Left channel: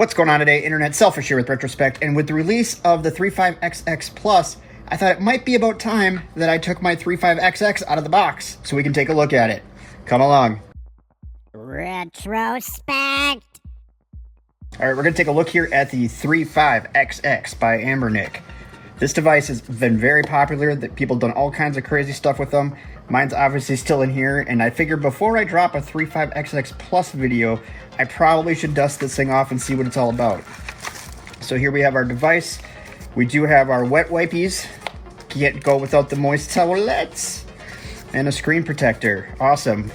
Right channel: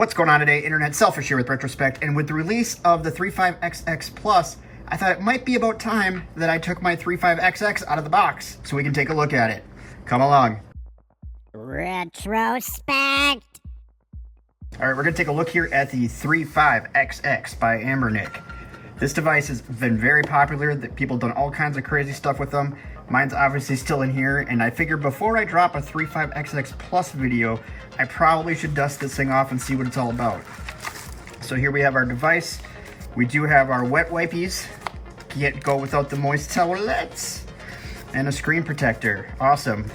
What's going on today, Internet? Selfish here with Retrospect, and with the release of the 35XX Plus, I thought it might be about time that I took my 35XX out of the box so we can take a look at it. Come along. Retrospect! Alright, we're going to take a look here at the 35XX by Anbernic. This device has been very popular, that people have done all kinds of crazy stuff with them. Mine's obviously still in here, and I figured before I drop a 35XX Plus video, I probably should dust this thing off and see what it's all about. So here we have our device. We do have our wet wipies. Can't go without the moist towelettes. And a screen protector. Awesome.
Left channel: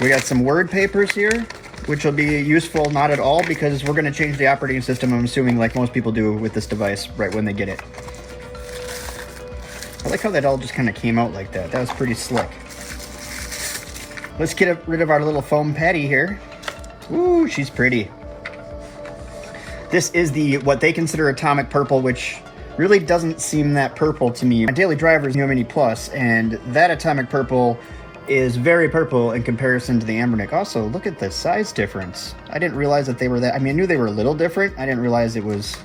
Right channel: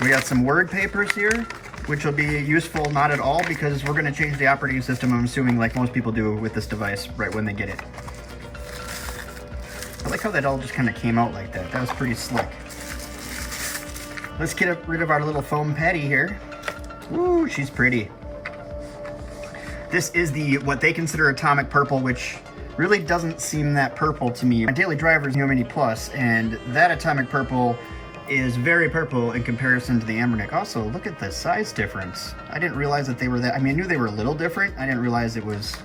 We got some word papers here, which will be useful not at all because we're going to change the operating system, I'm assuming, like most people do with this device right when they get it. I like how that all just kind of came out like that. That was pretty slick. Let's get rid of our little foam patty here. Ooh, she's pretty. This is the what they consider atomic purple, which really doesn't seem that purple to me. My daily driver is Neo Mini Plus, and that atomic purple is very purple in comparison to the Anbernic. Also, look at the size difference. I didn't realize that they were that. I mean, I knew they were a little different. I didn't realize it was.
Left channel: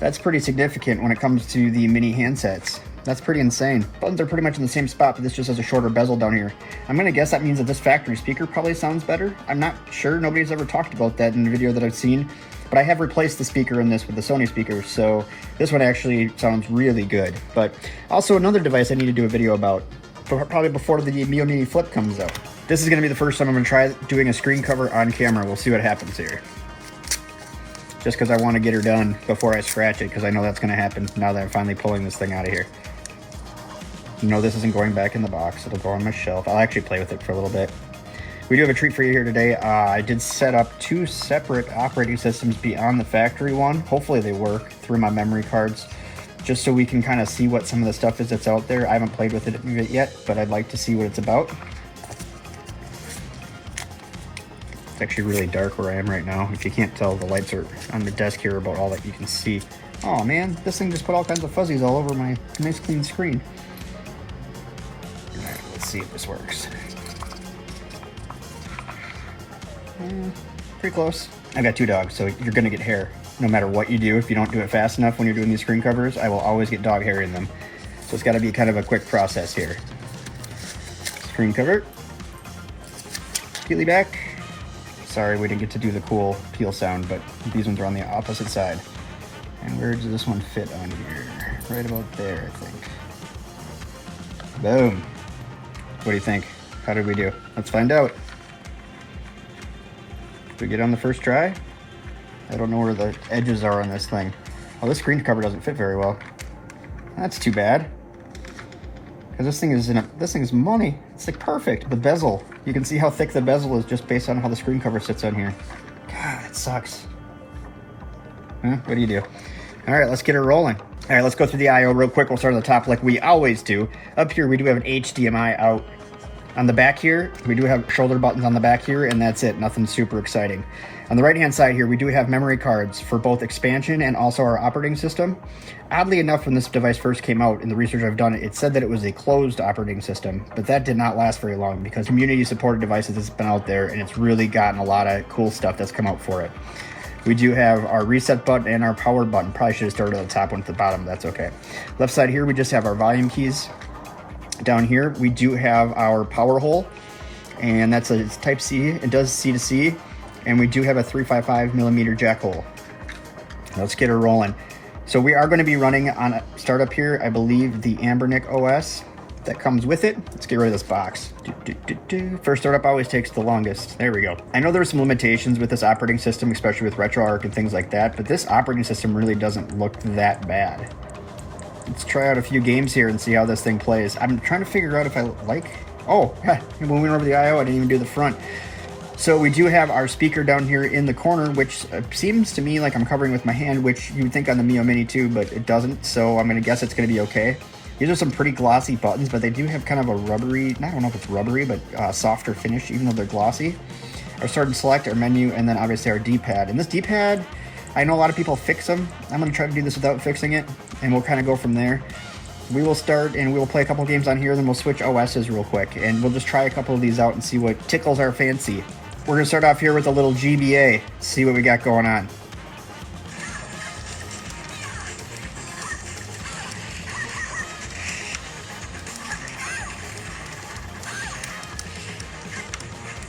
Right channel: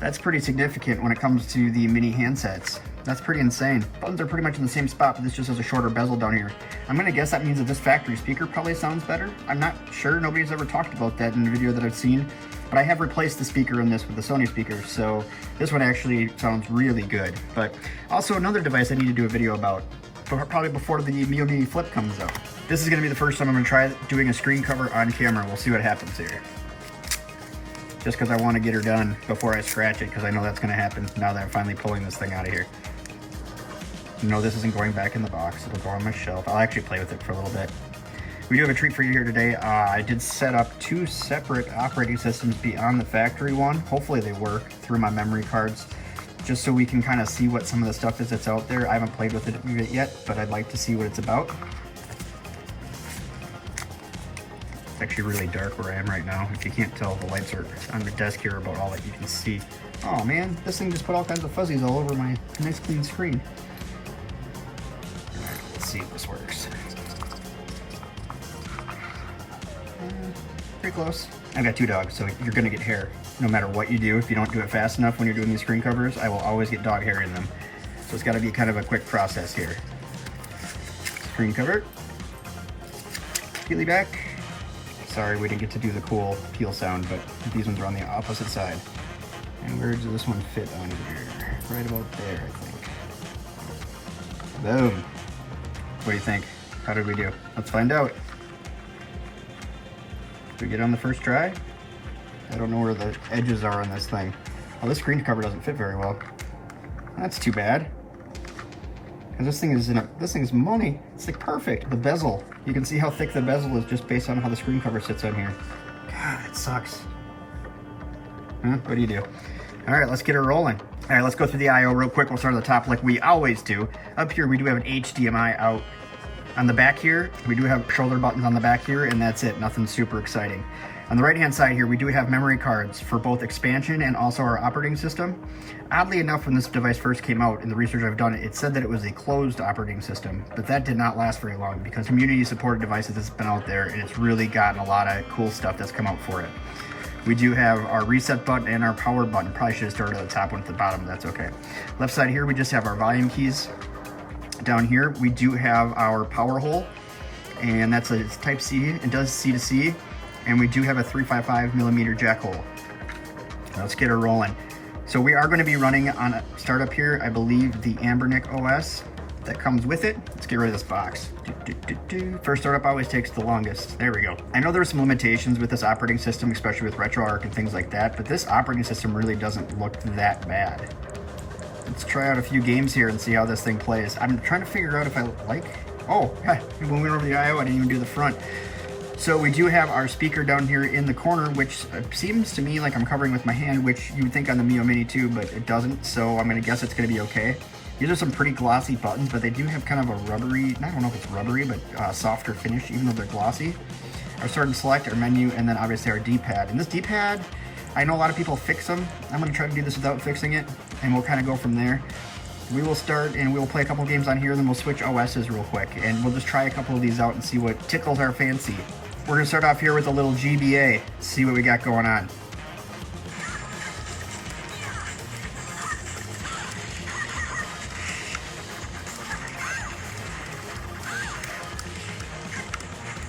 That's pretty significant when it comes to the mini handsets. That's pretty insane. Buttons are pretty much in the same spot, but this just has a shorter bezel down here. I'm gonna guess that means that this factory speaker probably sounds better. I'm not sure, nobody's ever talked about that in the video that I've seen, but I have replaced the speaker in this with the Sony speaker, so this one actually sounds really good. But also another device I need to do a video about, probably before the Neo Mini Flip comes out. This is gonna be the first time I'm gonna try doing a screen cover on camera. We'll see what happens here. Just because I want to get her done before I scratch it, because I know that's gonna happen now that I'm finally pulling this thing out of here. No, this isn't going back in the box. It'll go on my shelf. I'll actually play with it for a little bit. We do have a treat for you here today. I did set up two separate operating systems beyond the factory one. Hopefully they work through my memory cards, just so we can kind of see what some of the stuff is that's out there. I haven't played with it yet, but I'd like to see what it's about. It's actually really dark where I am right now. If you can't tell, the lights are on the desk here about all that you can see. Oh man, this thing just put all kinds of fuzzies all over my nice clean screen. See if this works. Pretty close. I got two dogs, so you're gonna get hair no matter what you do. If you don't do it fast enough when you're doing these screen covers, I will always get dog hair in them. So it's got to be kind of a quick process here. Screen cover. Peely back. Sorry, we didn't get to do the cool peel sound, but these ones are on the opposite side. And where does this one fit on here? Right about there, I think. Boom. What do you think? How did we do? Let's find out. Did we get on the first try? I don't know where the edges are on this thing. Oh, this screen cover doesn't fit very well. That's too bad. Because this thing is money. It's like perfect. The bezel. You can see how thick the bezel is just based on how the screen cover sits on here. God, it sucks. Huh? What do you do? All right, let's get her rolling. All right, let's go through the I/O real quick. We'll start at the top like we always do. Up here, we do have an HDMI out. On the back here, we do have shoulder buttons on the back here, and that's it. Nothing super exciting. On the right-hand side here, we do have memory cards for both expansion and also our operating system. Oddly enough, when this device first came out, in the research I've done, it said that it was a closed operating system, but that did not last very long because community-supported devices has been out there, and it's really gotten a lot of cool stuff that's come out for it. We do have our reset button and our power button. Probably should have started at the top, went to the bottom. That's okay. Left side here, we just have our volume keys. Down here, we do have our power hole, and that's a type C. It does C to C, and we do have a 355mm jack hole. Let's get her rolling. So we are going to be running on a startup here, I believe, the Anbernic OS that comes with it. Let's get rid of this box. First startup always takes the longest. There we go. I know there's some limitations with this operating system, especially with RetroArch and things like that, but this operating system really doesn't look that bad. Let's try out a few games here and see how this thing plays. I'm trying to figure out if I like... Oh, yeah, when we went over the I/O, I didn't even do the front. So we do have our speaker down here in the corner, which seems to me like I'm covering with my hand, which you would think on the Neo Mini too, but it doesn't, so I'm going to guess it's going to be okay. These are some pretty glossy buttons, but they do have kind of a rubbery, I don't know if it's rubbery, but softer finish, even though they're glossy. Our start and select, our menu, and then obviously our D-pad. And this D-pad, I know a lot of people fix them. I'm going to try to do this without fixing it, and we'll kind of go from there. We will start and we'll play a couple games on here, then we'll switch OSs real quick, and we'll just try a couple of these out and see what tickles our fancy. We're going to start off here with a little GBA, see what we got going on.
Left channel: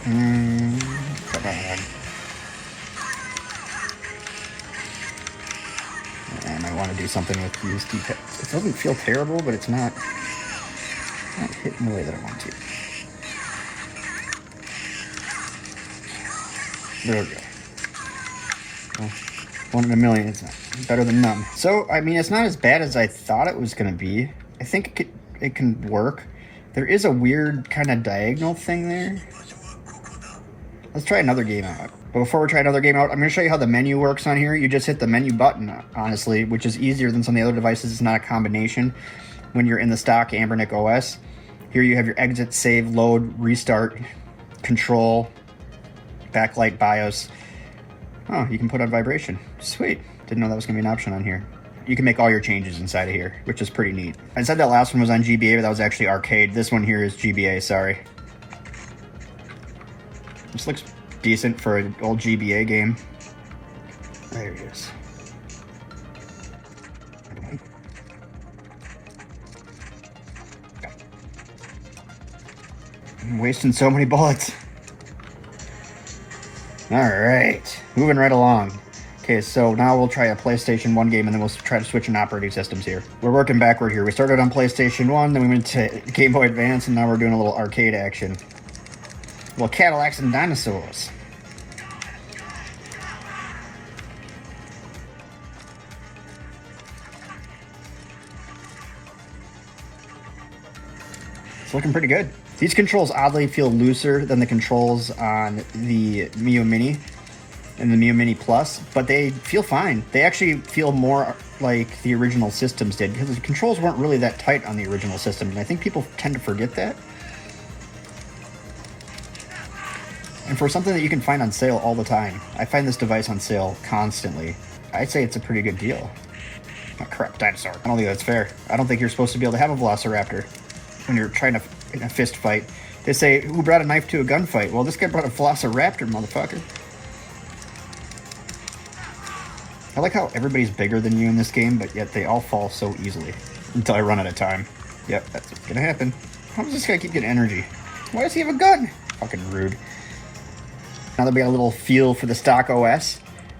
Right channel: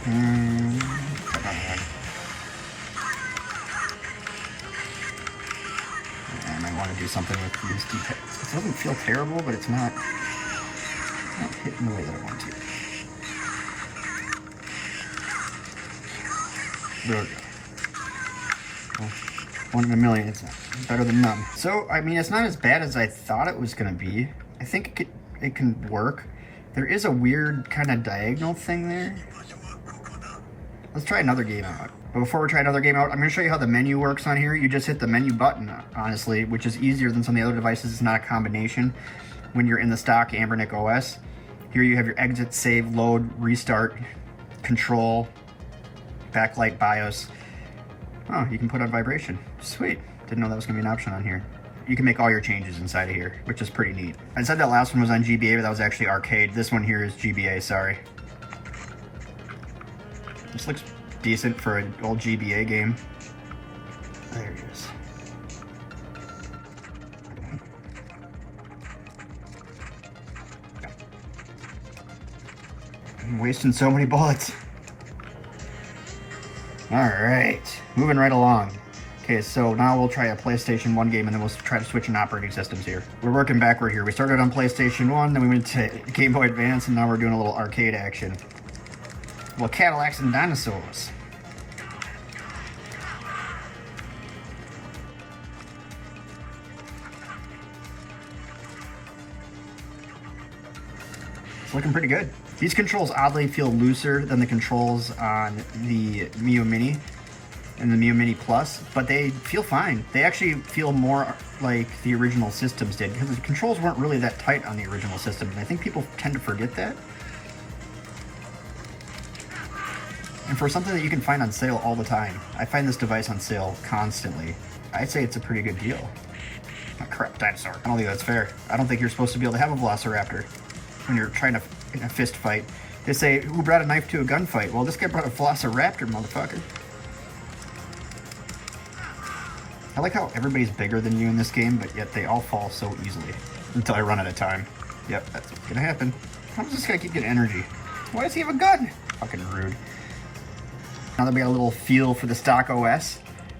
Come on. And I want to do something with these keypads. It doesn't feel terrible, but it's not hitting the way that I want to. There we go. Well, 1 in a million. It's better than none. So, I mean, it's not as bad as I thought it was going to be. I think it can work. There is a weird kind of diagonal thing there. Let's try another game out. But before we try another game out, I'm going to show you how the menu works on here. You just hit the menu button, honestly, which is easier than some of the other devices. It's not a combination when you're in the stock Anbernic OS. Here you have your exit, save, load, restart, control, backlight, BIOS. Oh, you can put on vibration. Sweet. Didn't know that was going to be an option on here. You can make all your changes inside of here, which is pretty neat. I said that last one was on GBA, but that was actually arcade. This one here is GBA, sorry. This looks decent for an old GBA game. There it is. I'm wasting so many bullets. All right, moving right along. Okay, so now we'll try a PlayStation 1 game and then we'll try to switch in operating systems here. We're working backward here. We started on PlayStation 1, then we went to Game Boy Advance, and now we're doing a little arcade action. Well, Cadillacs and dinosaurs. It's looking pretty good. These controls oddly feel looser than the controls on the Mio Mini and the Mio Mini Plus, but they feel fine. They actually feel more like the original systems did, because the controls weren't really that tight on the original system, and I think people tend to forget that. And for something that you can find on sale all the time, I find this device on sale constantly. I'd say it's a pretty good deal. Oh crap, dinosaur. I don't think that's fair. I don't think you're supposed to be able to have a Velociraptor when you're trying to in a fist fight. They say, who brought a knife to a gunfight? Well, this guy brought a Velociraptor, motherfucker. I like how everybody's bigger than you in this game, but yet they all fall so easily. Until I run out of time. Yep, that's gonna happen. How does this guy keep getting energy? Why does he have a gun? Fucking rude. Now that we got a little feel for the stock OS,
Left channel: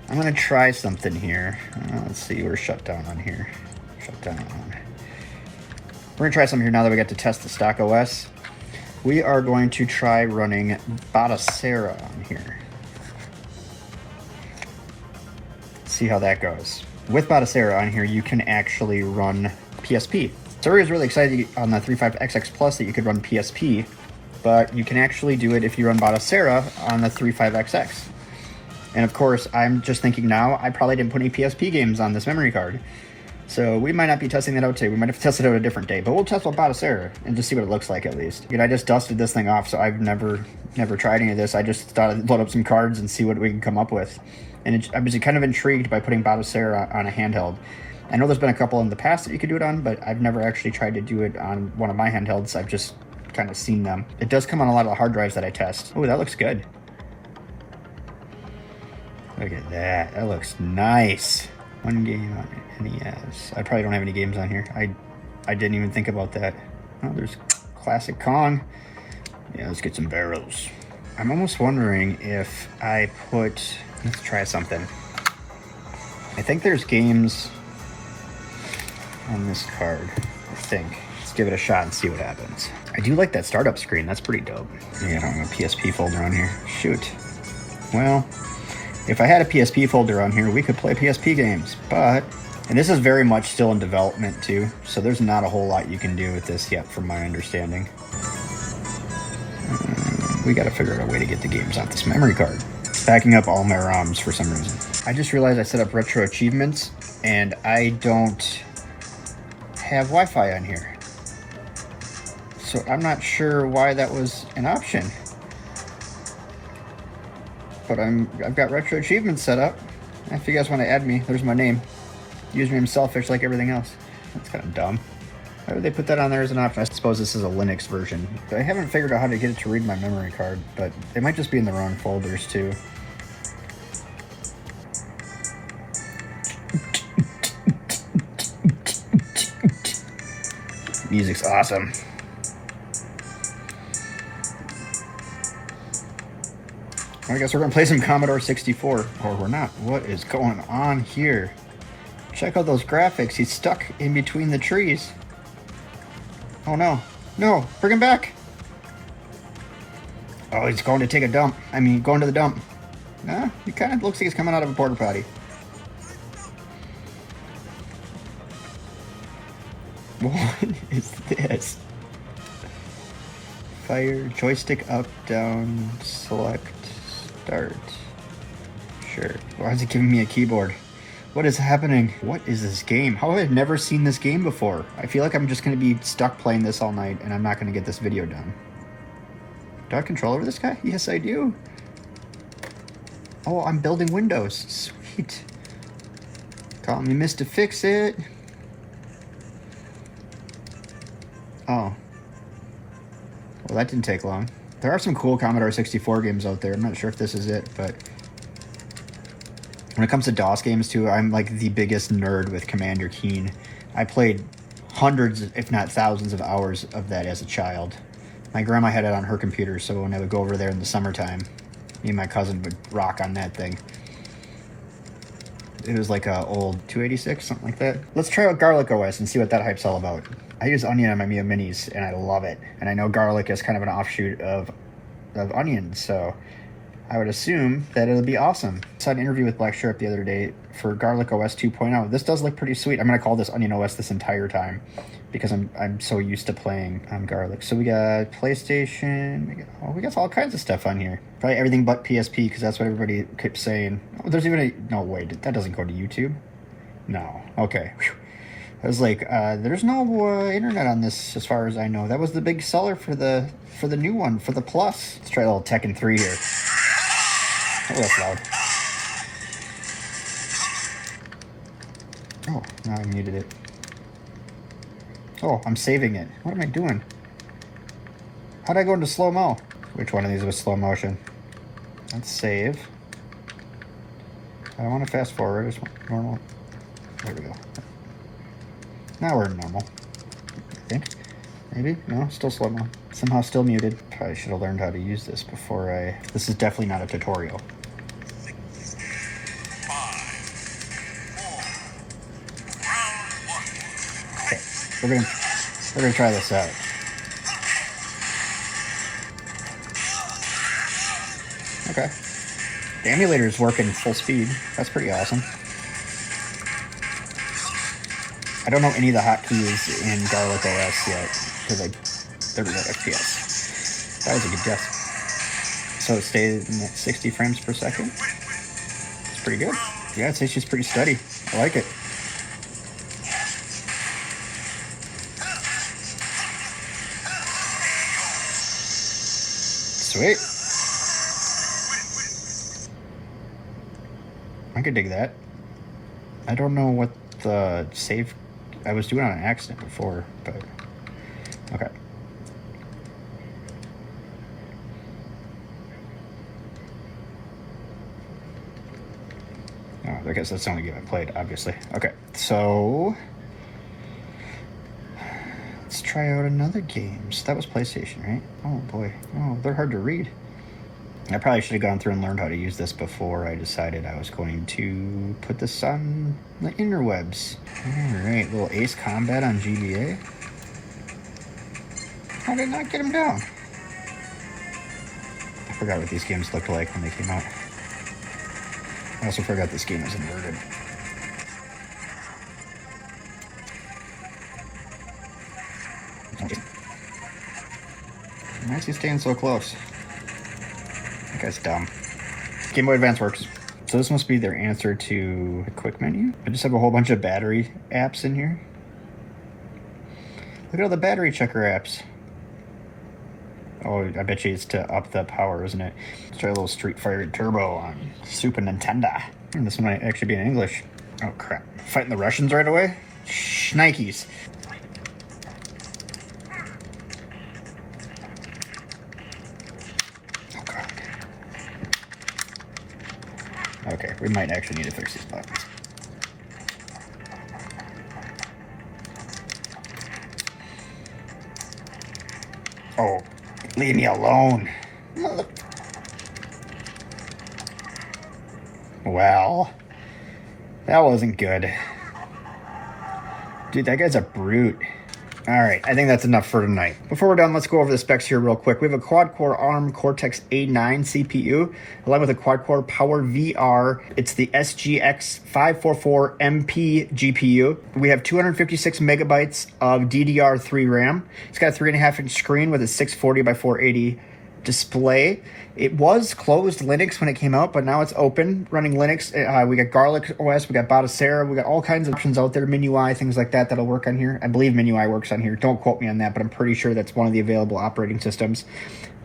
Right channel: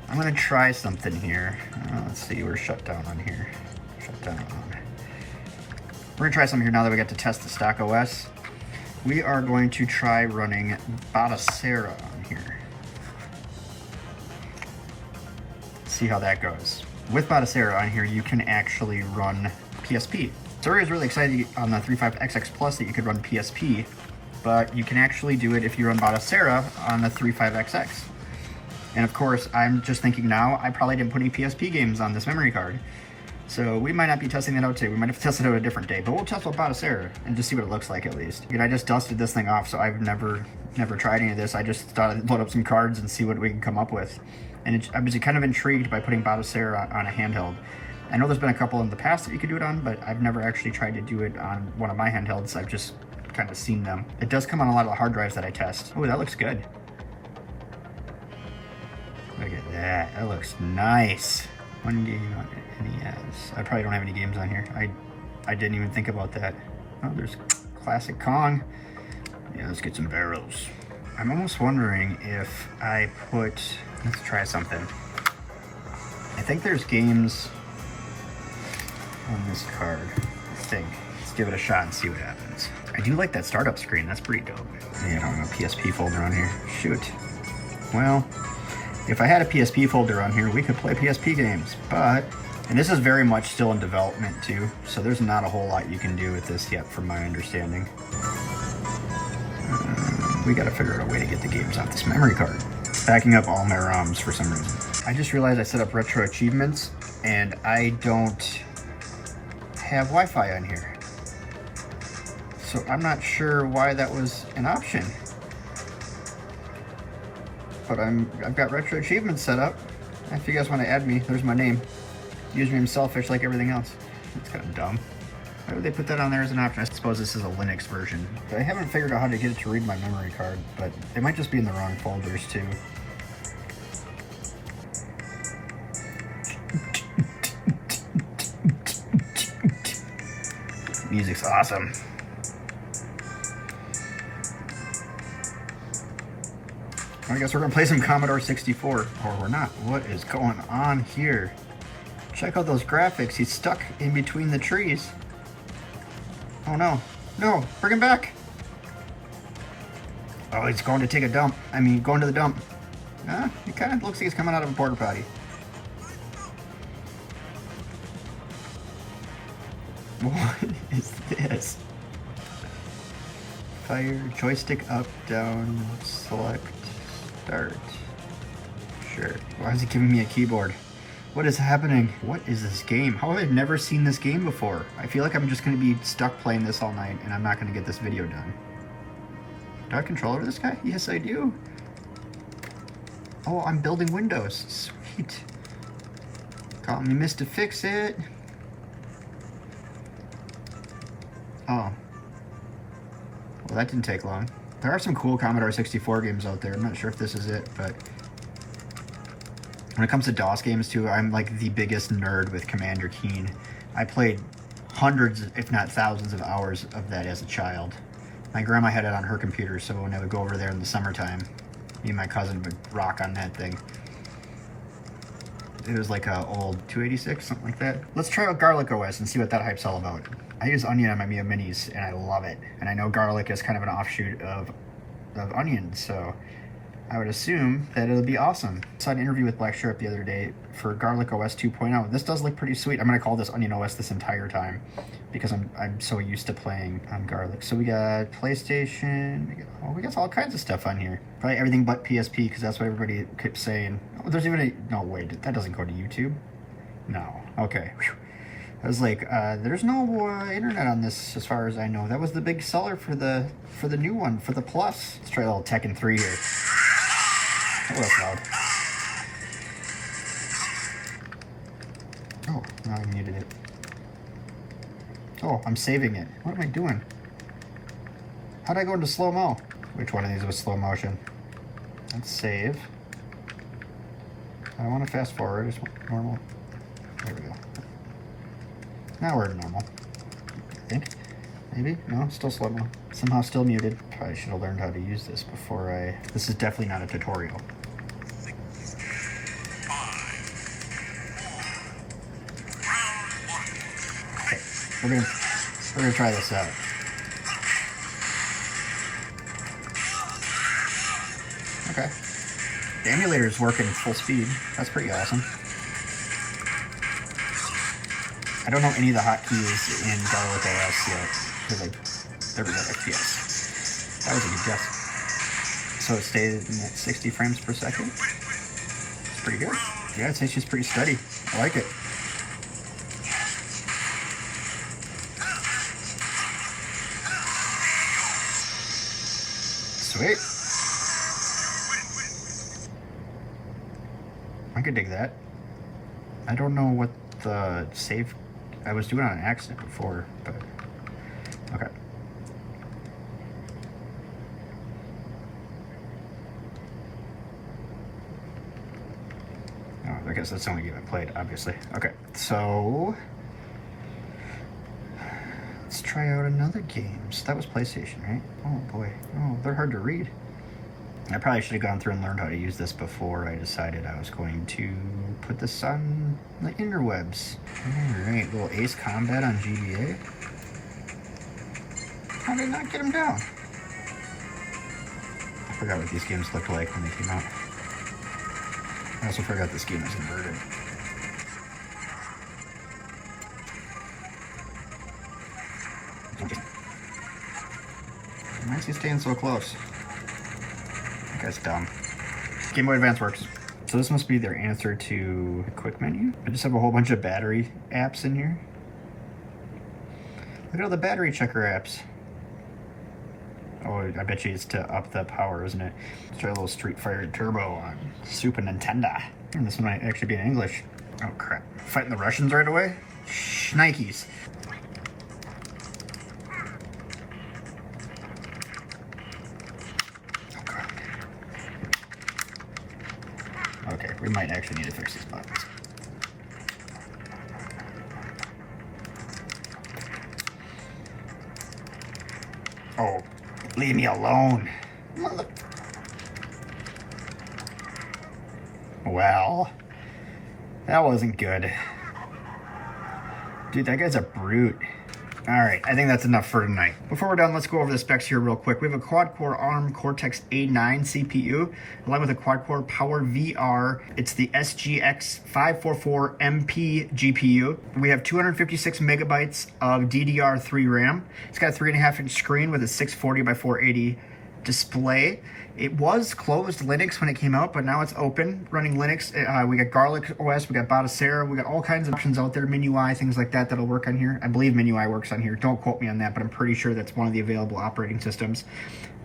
I'm gonna try something here. Let's see, we're shut down on here. Shut down on. We're gonna try something here now that we got to test the stock OS. We are going to try running Basera on here. See how that goes. With Basera on here, you can actually run PSP. So I was really excited on the 35XX Plus that you could run PSP, but you can actually do it if you run Basera on the 35XX. And of course, I'm just thinking now, I probably didn't put any PSP games on this memory card. So we might not be testing that out today. We might have to test it out a different day, but we'll test with Basera and just see what it looks like at least. I just dusted this thing off, so I've never tried any of this. I just thought I'd load up some cards and see what we can come up with. And I was kind of intrigued by putting Basera on a handheld. I know there's been a couple in the past that you could do it on, but I've never actually tried to do it on one of my handhelds. I've just kind of seen them. It does come on a lot of the hard drives that I test. Oh, that looks good. Look at that. That looks nice. One game on NES. I probably don't have any games on here. I didn't even think about that. Oh, there's classic Kong. Yeah, let's get some barrels. I'm almost wondering if I put... Let's try something. I think there's games on this card. I think. Let's give it a shot and see what happens. I do like that startup screen. That's pretty dope. Yeah, I don't have a PSP folder on here. Shoot. Well, if I had a PSP folder on here, we could play PSP games, but... And this is very much still in development too, so there's not a whole lot you can do with this yet from my understanding. We gotta figure out a way to get the games off this memory card. Backing up all my ROMs for some reason. I just realized I set up retro achievements and I don't have Wi-Fi on here. So I'm not sure why that was an option. But I've got retro achievements set up. If you guys want to add me, there's my name. Username selfish like everything else. That's kind of dumb. Why would they put that on there as an option? I suppose this is a Linux version. I haven't figured out how to get it to read my memory card, but it might just be in the wrong folders too. Music's awesome. I guess we're gonna play some Commodore 64. Or we're not. What is going on here? Check out those graphics. He's stuck in between the trees. Oh no. No, bring him back. Oh, he's going to take a dump. I mean, going to the dump. Nah, he kind of looks like he's coming out of a porta potty. What is this? Fire, joystick up, down, select, start. Sure. Why is it giving me a keyboard? What is happening? What is this game? How have I never seen this game before? I feel like I'm just going to be stuck playing this all night and I'm not going to get this video done. Do I have control over this guy? Yes, I do. Oh, I'm building windows. Sweet. Calling me Mr. Fix It. Oh. Well, that didn't take long. There are some cool Commodore 64 games out there. I'm not sure if this is it, but when it comes to DOS games too, I'm like the biggest nerd with Commander Keen. I played hundreds, if not thousands of hours of that as a child. My grandma had it on her computer, so when I would go over there in the summertime, me and my cousin would rock on that thing. It was like a old 286, something like that. Let's try out GarlicOS and see what that hype's all about. I use Onion on my Mio Minis, and I love it. And I know Garlic is kind of an offshoot of Onion, so I would assume that it'll be awesome. I saw an interview with Black Sharp the other day for GarlicOS 2.0. This does look pretty sweet. I'm going to call this Onion OS this entire time because I'm so used to playing on Garlic. So we got PlayStation. We got all kinds of stuff on here. Probably everything but PSP because that's what everybody kept saying. Oh, there's even a... No, wait. That doesn't go to YouTube? No. Okay. Whew. I was like, there's no internet on this as far as I know. That was the big seller for the new one, for the Plus. Let's try a little Tekken 3 here. Oh, that's loud. Oh, now I muted it. Oh, I'm saving it. What am I doing? How'd I go into slow-mo? Which one of these was slow motion? Let's save. I don't want to fast forward. I just want normal. There we go. Now we're in normal. I think. Maybe? No, still slow-mo. Somehow still muted. Probably should have learned how to use this before I... This is definitely not a tutorial. 5, 4, Okay, we're gonna try this out. Okay. The emulator is working full speed. That's pretty awesome. I don't know any of the hotkeys in GarlicOS yet because there we go, FPS. That was a good guess. So it stayed in at 60 frames per second. It's pretty good. Yeah, it's just pretty steady. I like it. Sweet. I could dig that. I don't know what the save... I was doing on an accident before, but... Okay. Oh, I guess that's the only game I played, obviously. Okay, so... Let's try out another game. So that was PlayStation, right? Oh, boy. Oh, they're hard to read. I probably should have gone through and learned how to use this before I decided I was going to put this on the interwebs. Alright, little Ace Combat on GBA. How did I not get him down? I forgot what these games looked like when they came out. I also forgot this game is inverted. Why is he staying so close? That guy's dumb. Game Boy Advance works. So this must be their answer to the quick menu. I just have a whole bunch of battery apps in here. Look at all the battery checker apps. Oh, I bet you it's to up the power, isn't it? Let's try a little Street Fighter Turbo on Super Nintendo. This one might actually be in English. Oh crap. Fighting the Russians right away? Shnikes. Okay, we might actually need to fix these buttons. Oh, leave me alone. Mother... That wasn't good. Dude, that guy's a brute. All right, I think that's enough for tonight. Before we're done, let's go over the specs here real quick. We have a quad-core ARM Cortex-A9 CPU, along with a quad-core PowerVR. It's the SGX544MP GPU. We have 256 megabytes of DDR3 RAM. It's got a 3.5-inch screen with a 640 by 480 display. It was closed Linux when it came out, but now it's open, running Linux. We got GarlicOS, we got Basera, we got all kinds of options out there, MIUI, things like that that'll work on here. I believe MIUI works on here. Don't quote me on that, but I'm pretty sure that's one of the available operating systems.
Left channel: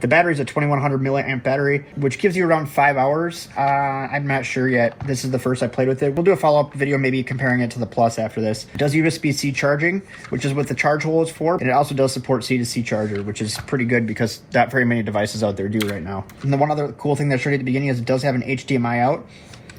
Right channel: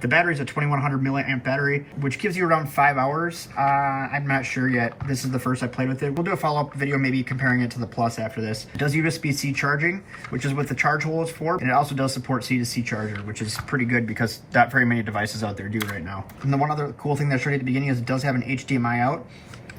The battery's a 2100 milliamp battery, which gives you around 5 hours. I'm not sure yet. This is the first I played with it. We'll do a follow-up video maybe comparing it to the Plus after this. It does USB-C charging, which is what the charge hole is for, and it also does support C2C charger, which is pretty good because not very many devices out there do right now. And the one other cool thing that I showed you at the beginning is it does have an HDMI out,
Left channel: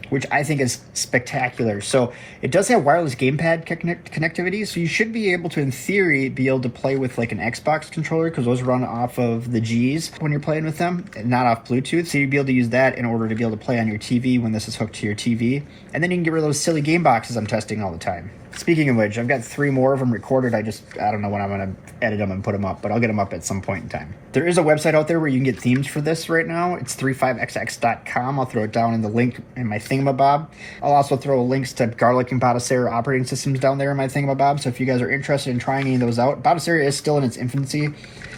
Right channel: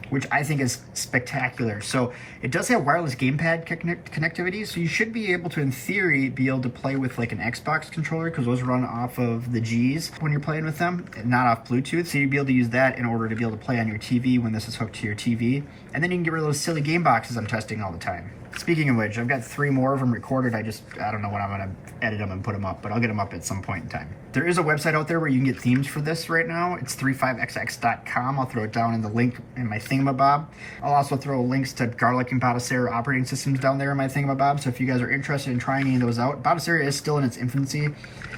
which I think is spectacular. So it does have wireless gamepad connectivity, so you should be able to, in theory, be able to play with like an Xbox controller, because those run off of the Gs when you're playing with them, and not off Bluetooth. So you'd be able to use that in order to be able to play on your TV when this is hooked to your TV. And then you can get rid of those silly game boxes I'm testing all the time. Speaking of which, I've got 3 more of them recorded. I don't know when I'm gonna edit them and put them up, but I'll get them up at some point in time. There is a website out there where you can get themes for this right now. It's 35XX.com. I'll throw it down in the link in my thingamabob. I'll also throw links to Garlic and Basera operating systems down there in my thingamabob. So if you guys are interested in trying any of those out, Basera is still in its infancy.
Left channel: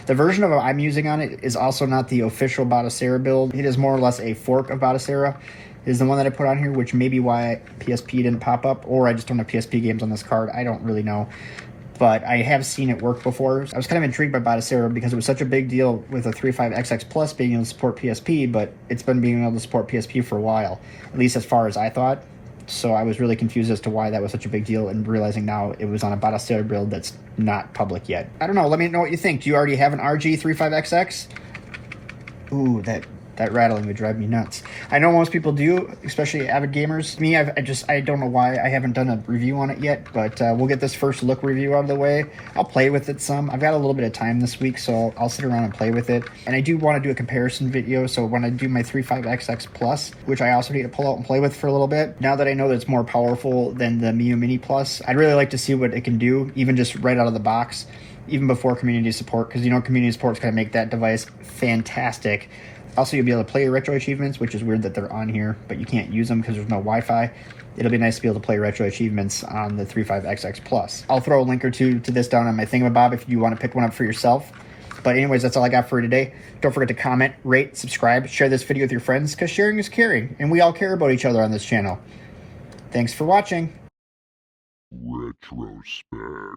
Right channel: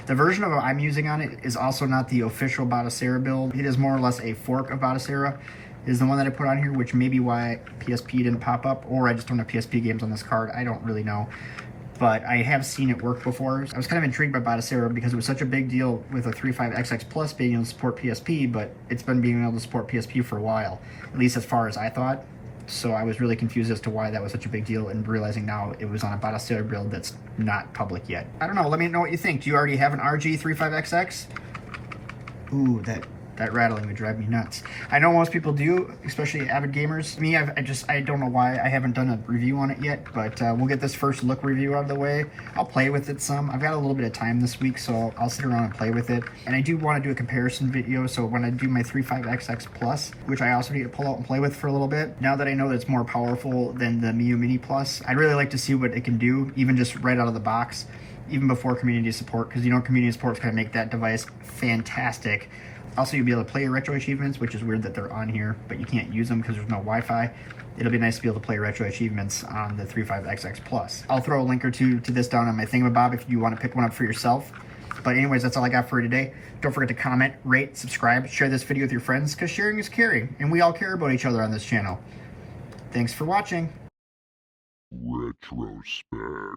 The version of it I'm using on it is also not the official Basera build. It is more or less a fork of Basera. Is the one that I put on here, which may be why PSP didn't pop up, or I just don't have PSP games on this card. I don't really know, but I have seen it work before. I was kind of intrigued by Basera because it was such a big deal with a 35XX Plus being able to support PSP, but it's been being able to support PSP for a while, at least as far as I thought. So I was really confused as to why that was such a big deal, and realizing now it was on a Basera build that's not public yet. I don't know, let me know what you think. Do you already have an RG35XX? Ooh, that rattling would drive me nuts. I know most people do, especially avid gamers. Me, I don't know why I haven't done a review on it yet, but we'll get this first look review out of the way. I'll play with it some. I've got a little bit of time this week, so I'll sit around and play with it. And I do want to do a comparison video, so when I do my 35XX Plus, which I also need to pull out and play with for a little bit, now that I know that it's more powerful than the Miu Mini Plus, I'd really like to see what it can do, even just right out of the box, even before community support, because you know community support is going to make that device fantastic. Also, you'll be able to play your retro achievements, which is weird that they're on here, but you can't use them because there's no Wi-Fi. It'll be nice to be able to play retro achievements on the 35XX Plus. I'll throw a link or two to this down on my thingamabob if you want to pick one up for yourself. But anyways, that's all I got for today. Don't forget to comment, rate, subscribe, share this video with your friends, because sharing is caring, and we all care about each other on this channel. Thanks for watching. Retrospect.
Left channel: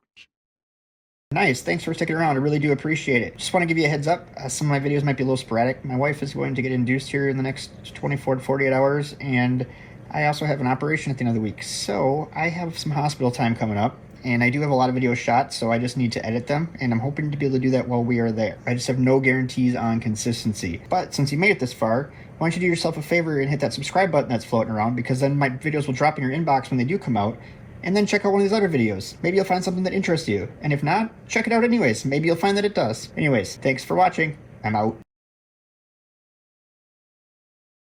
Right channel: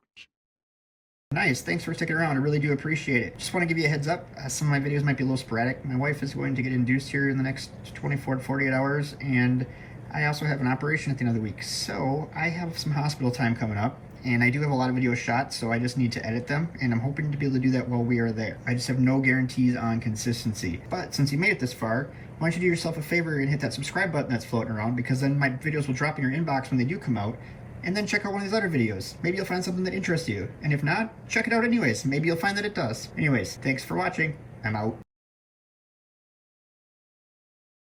Nice, thanks for sticking around. I really do appreciate it. Just want to give you a heads up. Some of my videos might be a little sporadic. My wife is going to get induced here in the next 24 to 48 hours, and I also have an operation at the end of the week. So I have some hospital time coming up, and I do have a lot of videos shot, so I just need to edit them, and I'm hoping to be able to do that while we are there. I just have no guarantees on consistency. But since you made it this far, why don't you do yourself a favor and hit that subscribe button that's floating around, because then my videos will drop in your inbox when they do come out. And then check out one of these other videos. Maybe you'll find something that interests you. And if not, check it out anyways. Maybe you'll find that it does. Anyways, thanks for watching. I'm out.